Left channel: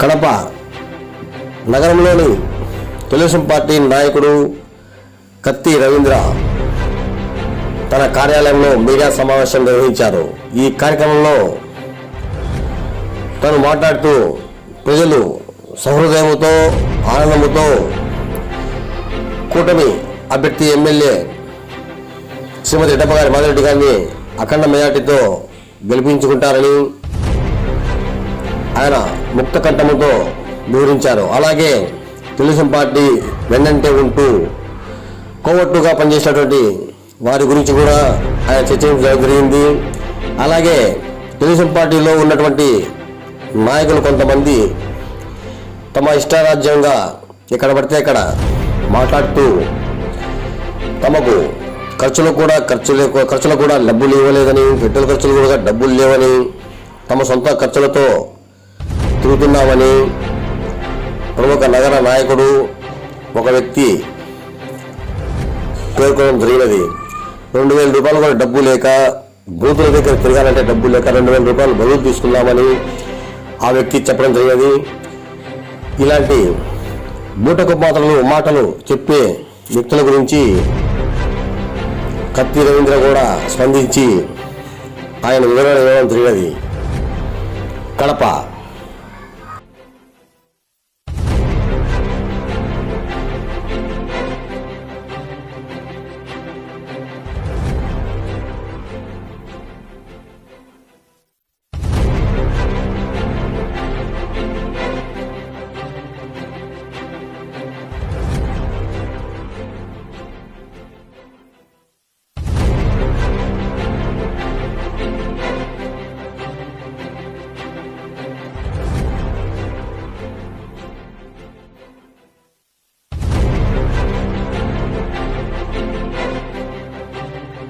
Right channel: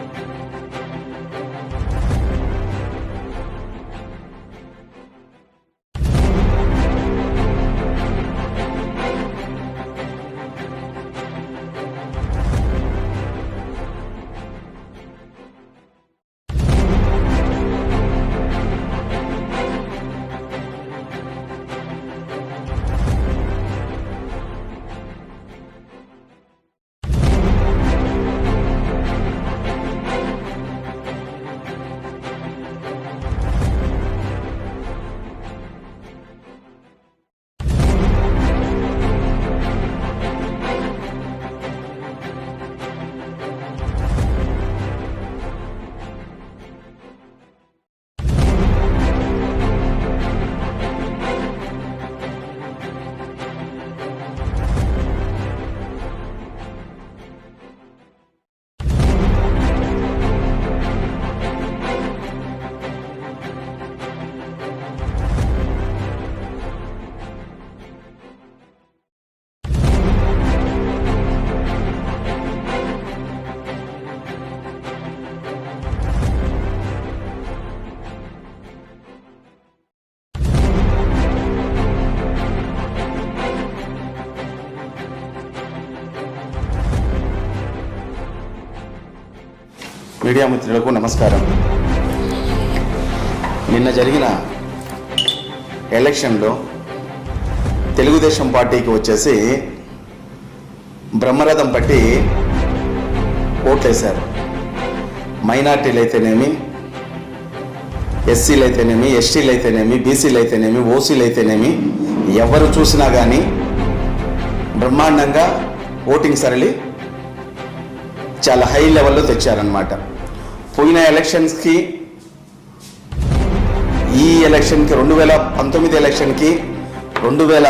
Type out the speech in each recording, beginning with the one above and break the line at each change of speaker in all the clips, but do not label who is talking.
కడప నగరంలోని తెలుగుదేశం పార్టీ నాయకుడు కత్తి రవీంద్ర తన కార్యాలయంలో మీడియా సమావేశం నిర్వహించారు. ఈ కార్యక్రమంలో తను మాట్లాడుతూ ప్రజలు సహృదయముతో ఆనందముతో కూటమి అభ్యర్థి ఎమ్మెల్యే శ్రీమతి ఎడప్ప గారి మాధవరెడ్డి గారిని అఖండ మెజార్టీతో గెలిపించుకుంటారని ఆయన ముక్తకంఠముతో వివరించారు అలాగే తెలుగుదేశం పార్టీ వెన్నంటే ఉంటూ కోవట్టుగా పనిచేసినటువంటి వారి గురించి కూడా ఆయన చర్చించడం జరిగింది. అలాగే తెలుగుదేశం పార్టీలో ఉన్నటువంటి నాయకులు కొంతమంది తమ ఇష్టారాజ్యంగా ఎక్కడ పడితే అక్కడ మాట్లాడుతూ తమకు ఖర్చులు కూడా ఖర్చు లేక ఖర్చులు కూడా డబ్బులు ఇవ్వలేదని పెట్రోల్ ఖర్చులు కూడా డబ్బులు లేవని తమ సొంత ఖర్చులతో తిరుగుతున్నామని ప్రముఖ నగర నాయకుడు ఒక వ్యక్తి పేర్కొనడం జరిగినది. రెండు వేల రూపాయలు కూడా డబ్బు లేక బూతుల దగ్గర తిరగాలంటే డబ్బు లేక రెండు వేల రూపాయలు బరువు తీసుకున్నామని ఆ వ్యక్తి చెప్పడం జరిగినది. ఇలాంటి బూటకు మాటలు మాటలు చెప్పే వ్యక్తుల గురించి కత్తి రవీంద్ర కూడా స్పందించి ఆయన వివరణ ఇవ్వడం జరిగినది. కడప
మీడియా మిత్రులకు నమస్కారం. నిన్న జరిగిన ఎలక్షన్లో తెలుగుదేశం పార్టీకి వచ్చేసి బ్రహ్మరథం పట్టి ఓట్లేశారు. మైనార్టీలు అయితేనేమి ఎస్సీలు అయితేనేమి ఎస్టీలు అయితేనేమి బీసీలు అయితేనేమి ఓసీలు అయితేనేమి ఎవరు చూసినా కానీ బ్రహ్మాండంగా ఓటింగ్ సరళి చాలా హై లెవెల్లో తెచ్చారనమాట పోయిన ఎలక్షన్స్కి ఈ ఎలక్షన్కి రెండు వేల పంతొమ్మిది ఎలక్షన్కి రెండు వేల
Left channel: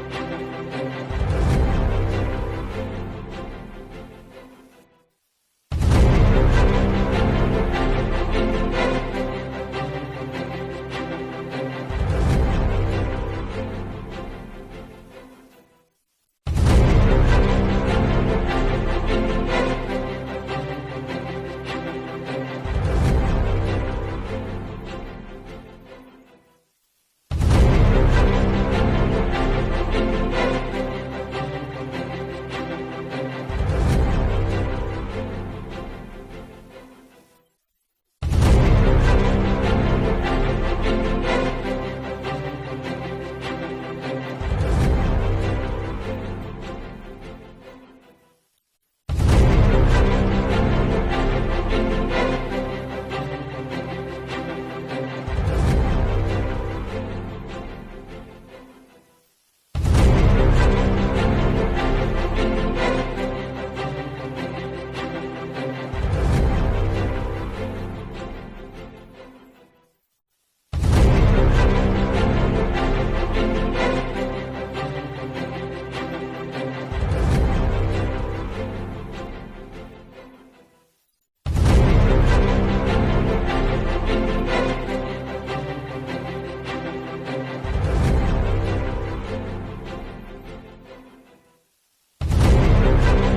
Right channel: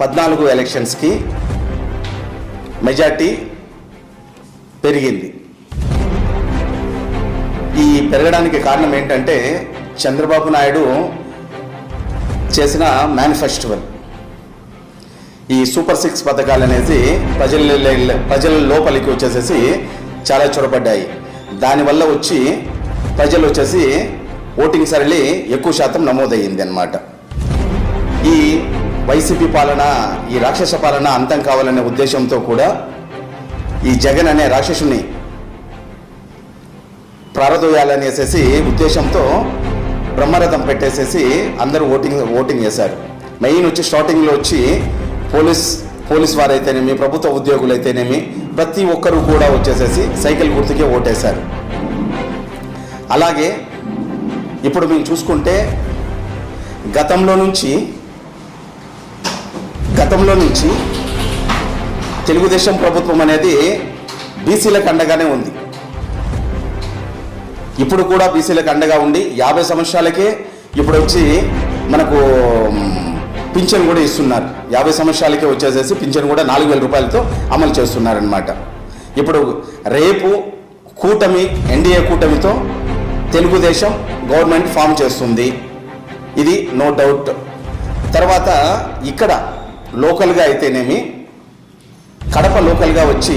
పద్నాలుగు ఎలక్షన్స్కి మెజార్టీ పెరిగింది. ఈ పెరగడానికి కారణం ఏంటంటే చంద్రబాబు నాయుడు చేసిన మేనిఫెస్టోల్ ఈ సూపర్ సిక్స్ పథకాలు అనేది ప్రజల ప్రజల లోపలికి వచ్చేసేసి చాలా చొరబడ్డాయి. దానివల్ల వచ్చి ప్రజలు వచ్చేసి ఓటింగ్ సరళి ఎక్కువ శాతం నమోదయ్యింది అన్నమాట ఈ వైసీపీ పాలన ఈ రాక్షస పాలన అంతం కావాలనే ఉద్దేశంతో కూడా ఈ జగన్ అనే రాక్షసుని ప్రారదోయాలనేసేసి ఉద్దేశంతో బ్రహ్మరథం పెట్టేసేసి అందరూ ఓటింగ్ ఓటింగ్ చేశారు. మెయిన్ వచ్చి స్టార్టింగ్లో వచ్చి పోలీస్ పోలీస్ వారైతేనేమి ప్రభుత్వ ఉద్యోగులు అయితేనేమి ప్రతి ఒక్కరూ కూడా వచ్చేసేసి సైకిల్ గుర్తుకే ఓటేశారు. అలాగే ఇప్పుడు మేము చూసుకుంటే గతంలో నుంచి గతంలో నుంచి తెలుగుదేశం ప్రభుత్వం అనేది బీసీలకు అండగానే ఉంది. ఇప్పుడు కూడా బీసీలకు అండగా ఉండి యాభై సంవత్సరాలకే ఇప్పుడు వచ్చి మనకు పింఛన్ కూడా ఇస్తున్నారు. యాభై సంవత్సరాలకే వచ్చేసేసి పింఛన్ కూడా నాలుగు వేల రూపాయలతో అమలు చేస్తున్నారనమాట ఇప్పుడు రేపు కూటమి ఎన్డీఏ కూటమితో తెలుగుదేశం గవర్నమెంట్ ఫామ్ చేస్తుంది. ఇది నో డౌట్. తర్వాత ఇక్కడ లోకల్గా అయితేనేమి కడప లోకల్గా వచ్చి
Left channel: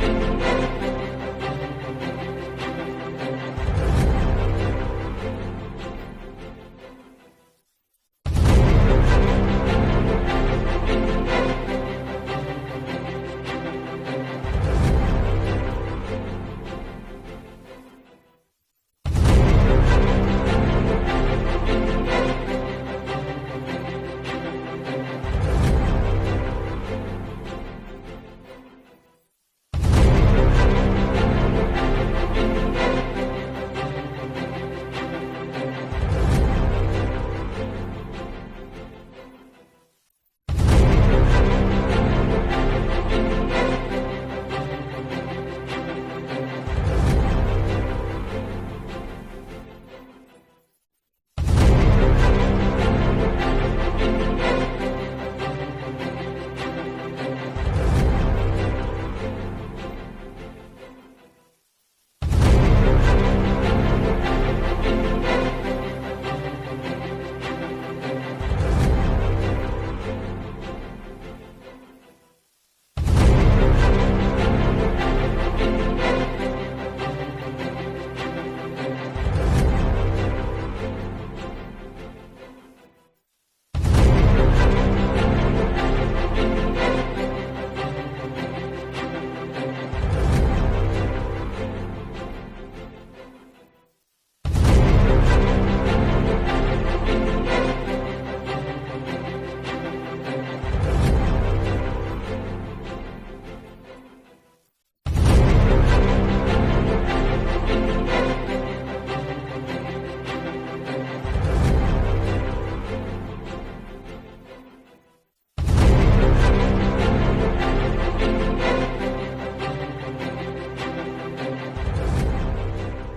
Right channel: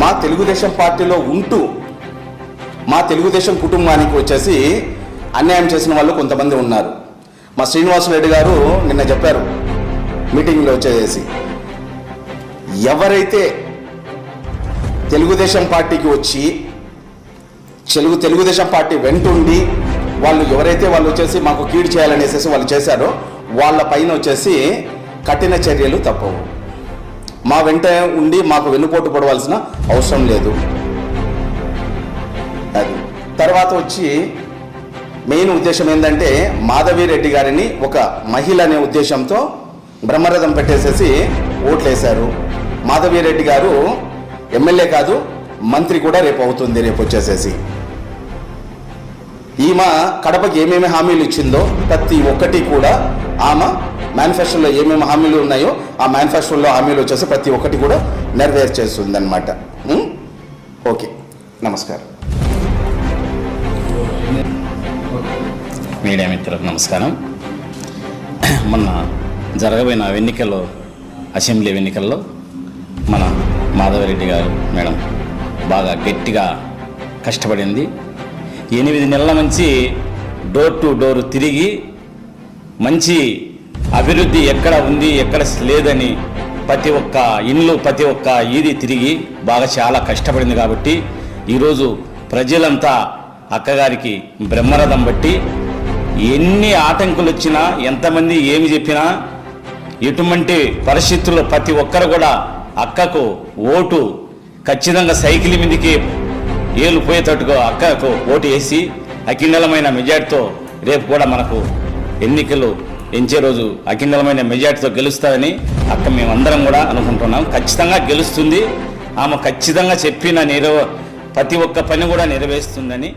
మా తెలుగుదేశం పార్టీలో ఉంటూ మా తెలుగుదేశం కుటుంబానికి వచ్చేసి అన్యాయం చేసిన వాళ్ళు కొంతమంది ఉన్నారు. మా శ్రీనివాసరెడ్డి గారు నిన్న చెప్పారు మీటింగ్లో వచ్చేసి ఎవరైతే తెలుగుదేశం పార్టీకి వచ్చి తెలుగు తెలుగుదేశం పార్టీ వెంటుండి వాళ్ళు ఎవరైతే వాళ్ళు వచ్చేసి మాకు కీడు చేయాలనేసి వాళ్ళు చేశారో వాళ్ళ పైన వచ్చేసి కఠిన చర్యలు తప్పవు. మా వెంట ఉండి మాకు వెన్నుపోటు పడవలసిన అవసరం లేదు. తర్వాత వచ్చి మెయిన్ ఉద్దేశం ఏంటంటే మాధవిరెడ్డి గారిని ఒక మహిళ అనే ఉద్దేశంతో బ్రహ్మరథం పెట్టేసేసి ఓట్లేశారు. మాధవిరెడ్డి గారు ఎమ్మెల్యే కాదు మంత్రి కూడా రేపు అవుతుంది రేపు వచ్చేసేసి. ఈమె కడపకి ఏమేమి హామీలు ఇచ్చిందో ప్రతి ఒక్కటి కూడా ఆమె మేనిఫెస్టోలో ఏమేమి హామీలు ఉన్నాయో ఆ మేనిఫెస్టోలో హామీలు వచ్చేసి ప్రతి ఒక్కటి కూడా నెరవేర్చేస్తుంది అనమాట ఓకే. నమస్కారం.
మీడియా మిత్రులకు నమస్కారం. మొన్న జరగబోయిన ఎన్నికల్లో అసెంబ్లీ ఎన్నికల్లో మన మాధవరెడ్డి గారు మేడం బాగా గట్టిగా కష్టపడింది. ఎనిమిది నెలల నుంచి డోర్ టు డోర్ తిరిగి మంచి అభివృద్ధి ఎక్కడ ఉంది ఎక్కడ లేదని ప్రతి ఒక్క ఇల్లు ప్రతి ఒక్క ఇది తిరిగి బాగా చాలా కష్టపడింది కాబట్టి ఈరోజు ప్రజలంతా అక్కగారికి బ్రహ్మరథం బట్టి ఎన్ని ఆటంకులు వచ్చినా ఎంతమంది ఏమి చెప్పినా ఎటువంటి పరిస్థితుల్లో ప్రతి ఒక్కరు కూడా అక్కకు ఓటు ఖచ్చితంగా సైకిల్ మీదకి ఏలు పోయేటట్టుగా అక్కకు ఓటు వేసి అఖిండలమైన మెజార్టీతో రేపు కూడా మనకు ఎన్నికలు ఎంచే రోజు అఖిండలమైన మెజార్టీతో గెలుస్తారని అక్క మేమందరం కూడా అనుకుంటున్నాం. ఖచ్చితంగా గెలుస్తుంది. ఆమె ఖచ్చితంగా చెప్పిన నెరవ ప్రతి ఒక్క పని కూడా నెరవేరుస్తుందని